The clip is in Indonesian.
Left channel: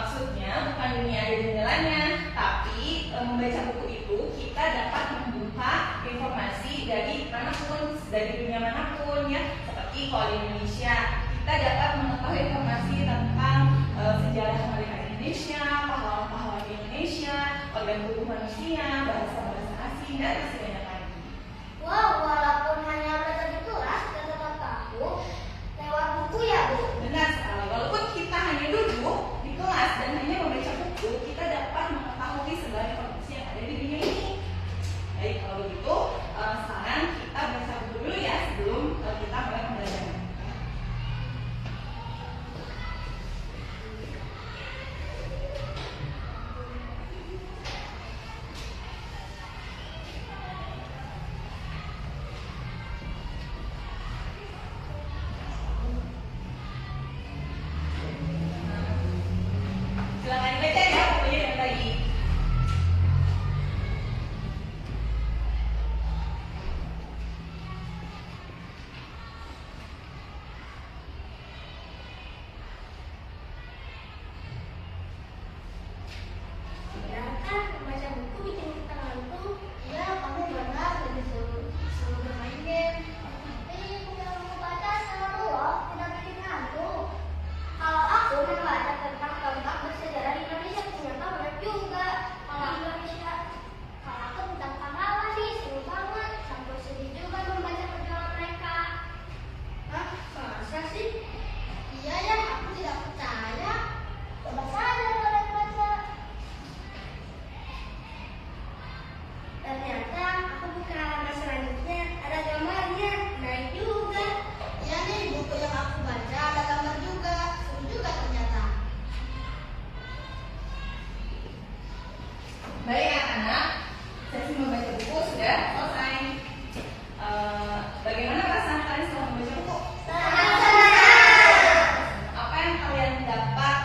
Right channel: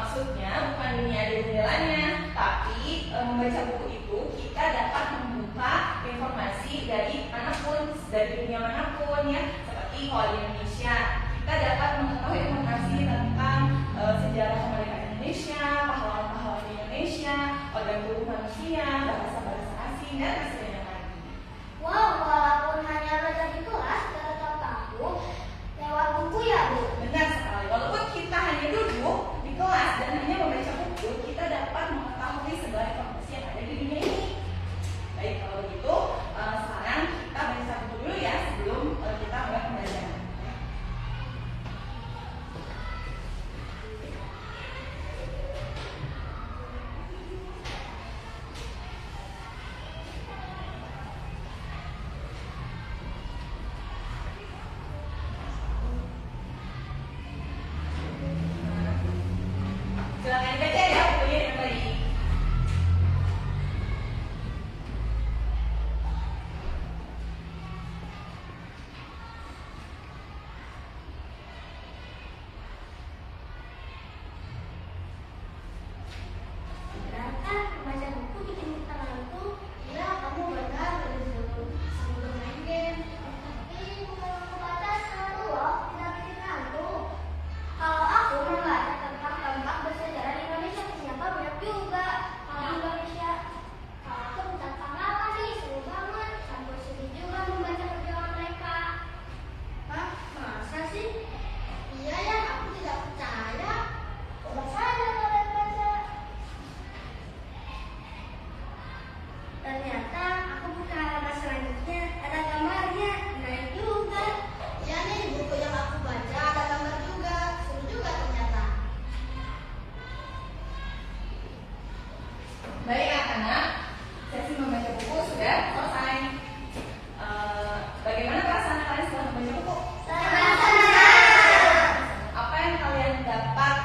Maksudnya bukan dunia ada jendelanya, tapi membaca buku itu kita dapat membuka informasi dari manapun, dari dunia manapun ya. Seperti kalau di Indonesia, kita dapat mengetahui informasi tentang sejarah kemerdekaan Indonesia, pahlawan-pahlawan di Indonesia, organ tubuh manusia, bahasa-bahasa asing, dan masih banyak lagi. Wow, walaupun hanya belajar di kelas, kita tetap tahu lewat buku ya, Bu? Benar sekali, walaupun kita hanya duduk di kelas dan hanya membaca buku, kita dapat mengetahui segala informasi yang ada di dunia ini. Baik, kalau begitu, sekarang kita baca buku dulu ya sebelum kita mulai pembelajaran. Silakan baca ya bukunya yang tadi. Benarkah membaca buku bikin kita ngantuk? Iya, kamu benar, lebih seru bermain game. Tapi bukan batas sama loh, tidak bikin ngantuk. Kalau aku membaca tentang tempat bersejarah di Indonesia, ternyata banyak juga. Kalau Indonesia, kalau aku tentang pahlawan sih, seru banget. Sampai sedih juga membaca perjuangan mereka. Hah? Masa sih? Iya ya, aku tidak percaya. Coba saja kalian baca. Ternyata aku buka halaman selanjutnya, ada gambarnya, menarik juga. Ya nih, buku yang aku baca ada gambar juga, seru juga ternyata. Baik anak-anak, sesi membaca buku sudah selesai. Bagaimana perasaan kalian setelah membaca buku? Apa yang kalian dapat